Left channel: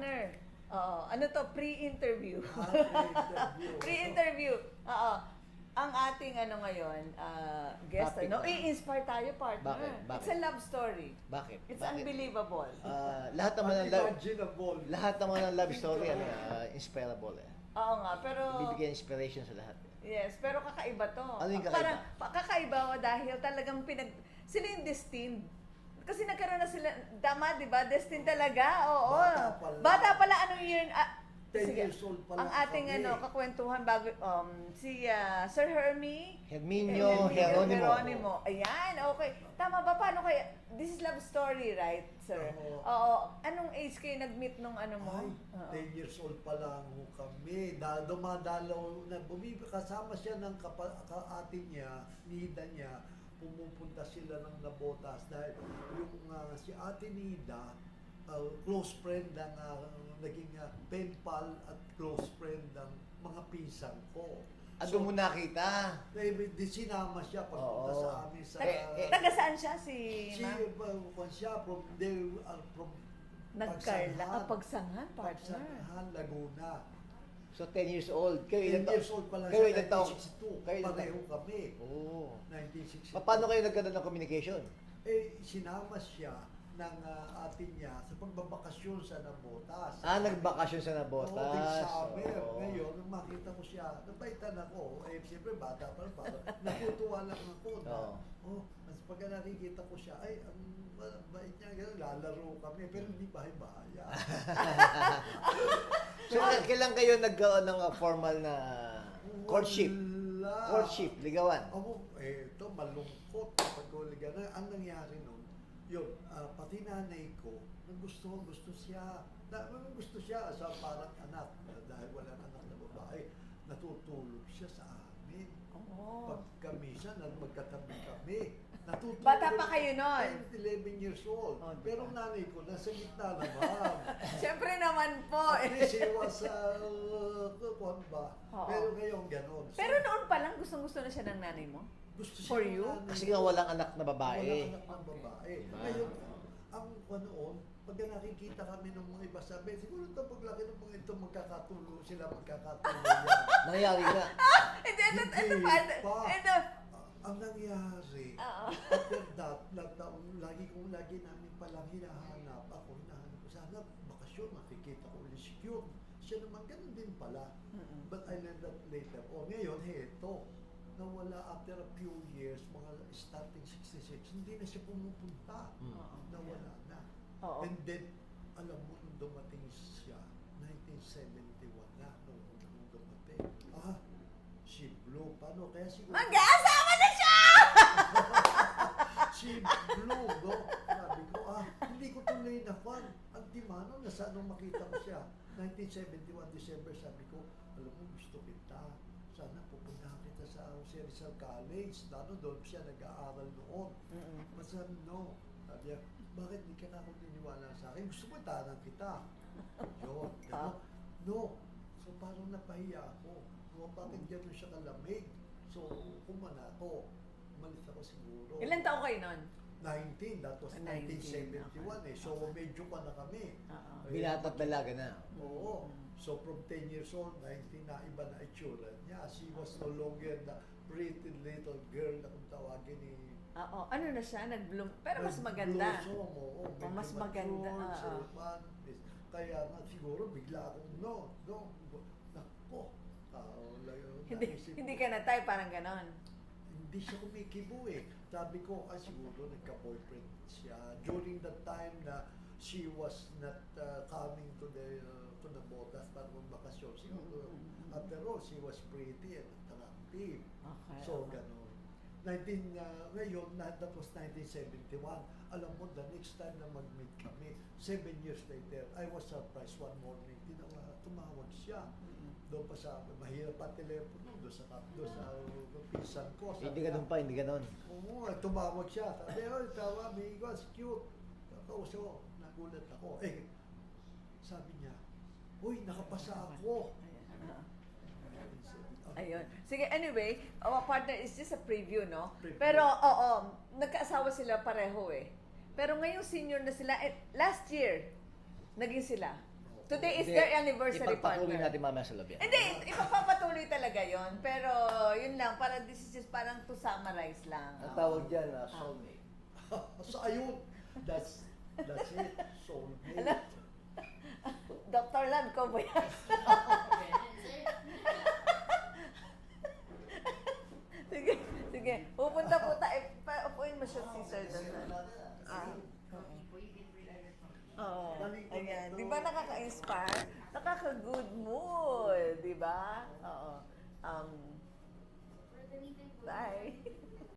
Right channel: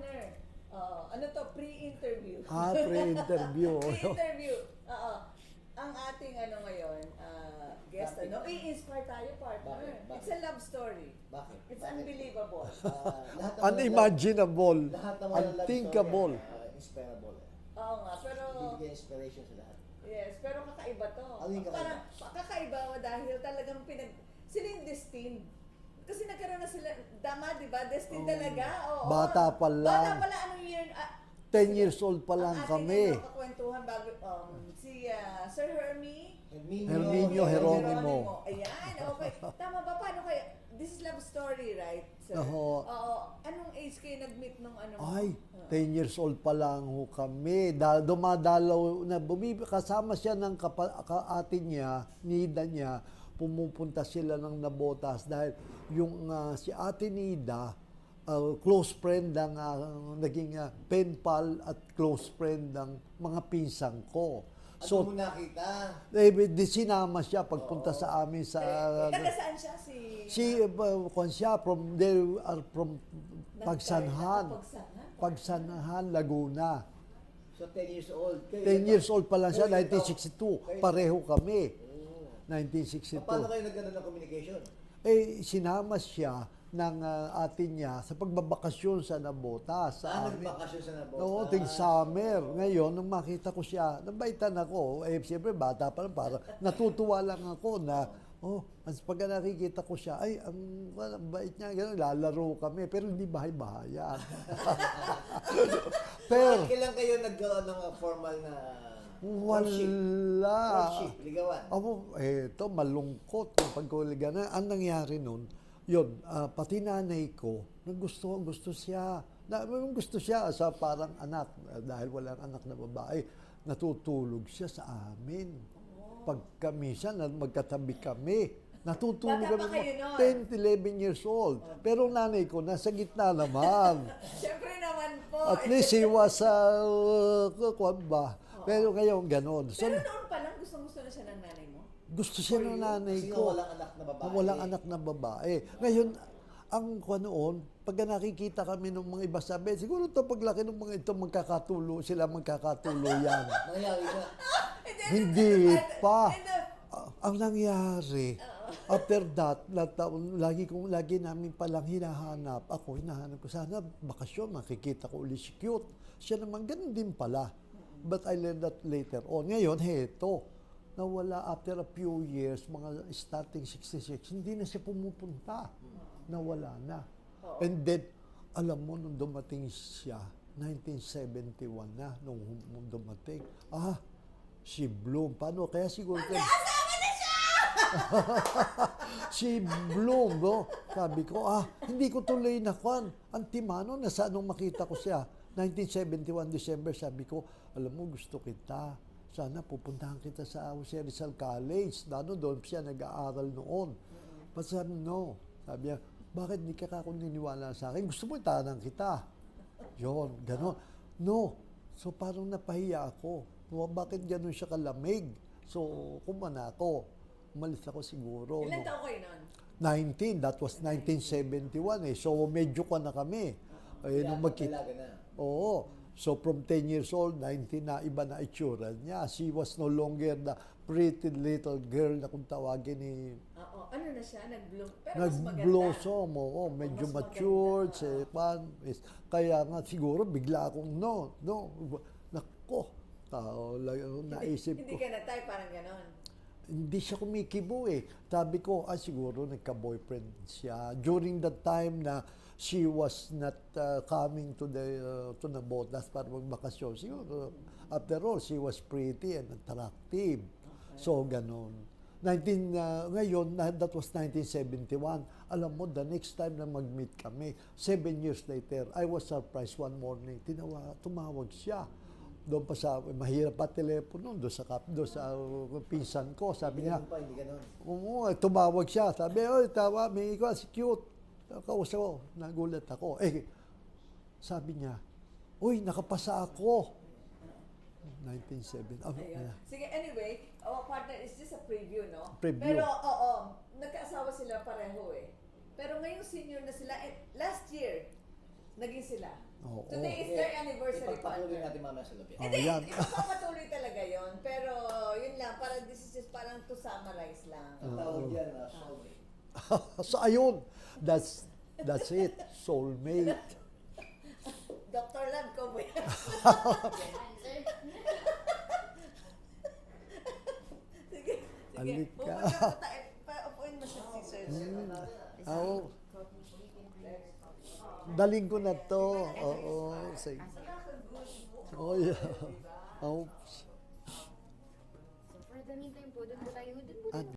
partner. Ano to? Pre-interview. Pre-interview. Pre-interview. Oo. Ang ating ngayon, guest, Topic na. i-inspire tayo, partner. Bakit? It's a love story. Bakit? It's Bakit? unbelievable. Lahat ng Unimaginable. lahat ng mga love story Unthinkable. inspirable Oo nga, pero... Bibigyan inspiration sa lahat. Yes, pero kakaiba to. Ano yung kakaiba? Parang kakaiba ko dahil talagang sila yung destined. Kasi nagkaroon na sila, tama, di ba? Destined talaga. Oo. Bata pa lang. Bata pa lang, anong year? 10 years old pa lang ang ating kami. kakwentuhan bago, si Sir Hermie, Herminio Geronimo. Ayan, okay. Tama ba? Paano kaya? This is love story, right, sir? Oo. Oo. Anong age kayo nag-meet nung ano mo? Ay, 10 years old pa lang ho kami. Dumadalaw na kasama siya ng ate niya, Nida niya, pumupunta sila ng Nabotas dahil yung si ate Nida, close friend ng naging pen pal at close friend ng mga pinsang ko. Ano mo nakita? Di sinama siya pagpunta sa amin sa... Taga saan siya? from Pagsanhan. Pagsanhan, Laguna. So 10 years old. Kayo 10 years old pa lang siya, 1962. Pareho kami. Oh. 1962. Paano kayo nagkaroon ng communication? Sinama siya ng ate niya sa pagbabakasyon sa Nabotas. Nagbakasyon sa Nabotas. Oo, ting summer. Ngayon, nung makita ko siya, nabaitan ako. Siyempre, bata pa lang, parang natutuwa lang ako na, pag nakikita ko siya, ang bait niya, gano'n, lalaro kami, pero hindi bahay-bahaya. So, kailan kayo nagkaroon ng formal na courtship? Wala. Courtship, ligawan. Ito, malungkot yung pagkuliganan. Ang nangyari nun, yun, pati nanay ko, gusto siya sa parang anak, dahil walang anak na babae, natutulog siya sa amin. Pag kami siya, magkatabi kami. Natutulog Bata pa kayo nun? 10, 11 years old. Pero nanay ko, nasa gitna naman. Siyempre naman po. At least he was, kwan ba? Pero ngayon, ganon. So, Pero noon pa lang, gustong-gusto na siya ng nanay mo? gusto siya ng nanay Kasi ko. nga walang anak na babae. Walang anak na babae. Ngayon, ang noon, pag nakikita kami ng mga iba sabi, siguro ito paglaki ng mga ito, magkakatulo yan. Nangyari nga. Hindi pa. Ang nangyari, after that, lagi namin palang hinahanap ko, sana bakasyon, makikita ko ulit si Cute. Siya naman, ganun din pala. But I learned that later on. Ngayon, heto, nawala after a few years, mga starting 66, hindi na siya pumupunta. Nawala na. And then, alam mo, nung dumating siya, 1971 na, nung dumating, si Bloom. Paano? Kaya siguro... Mag-asawa na siya! Si Bloom, no? Sabi ko, hindi ko tuloy na kwan. Ang timano, nasa anong makita ko siya. 1971 December, sabi ko, alam mo, gusto kita. Sana pupuntahan kita sa Jose Rizal College. Doon siya nag-aaral noon. But sabi, no. Sabi niya, bakit hindi ka ako niniwala sa akin? Gusto mo itanan kita. Yun, gano'n. No. So parang napahiya ako. Bakit gano'n siya kalamig? So, kumana ako. Umalis ako siguro. Ilan taon kayo nun? 19. That was 1971 eh. So, medyo ka na kami. Talaga na. Oo. So, from 10 years old, 19 na, iba na itsura niya. She was no longer the pretty little girl na kung tawagin ni... Ano na siya? Nag-bloom. Pero mas maganda. Nag-blossom, medyo mas matured, maganda. kaya nga siguro bigla akong nako, naisip Hindi ko. ka na tayo, parang ganon. Hindi siya kumikibo eh. Sabi ko, siguro nagka-boyfriend siya. During that time na she was not coming to the Botas para magbakasyon. Siguro, after all, she was pretty and attractive. Okay. So, ganon. Ngayon, that was 1971. Alam mo, the next time na mag-meet kami, 7 years later, I was surprised one morning. Tumawag siya. Doon pa sa, mahirap pa telepono, doon sa pinsan ko. Sabi niya, hindi ganon. Oo, tumawag siya. Sabi, tawa, may ikaw, si Cute. Kausap ko, nagulat ako. Sabi niya, uy, nakapasa ako. 1970. Ayun. Sige, anyway, our partner is just a preview, no? Preview. Pero, nagkaasawa sila pareho eh. Pero ngayong senior na sila, last year, naging sila. Oo. Today is their anniversary, Ipagpatuloy partner. natin mamaya sa labi. Hindi, Ayan. ipapatuloy talaga yon. Pero yun lang, parang this is just parang to summarize lang. Ang tawag dyan, soulmate. So ayun, that's it, soulmate. Dr. Land ko ba yan? Sige, sige. Alit ka. Pupunta po tayo. Upuin mo siya si Sir. Oh, Oo. daling ko na Ayan. to. Di ba nakaka-inspire? Oo, sige. Nakaka-good Oh, mood, yeah. di ba? Oh. Oo.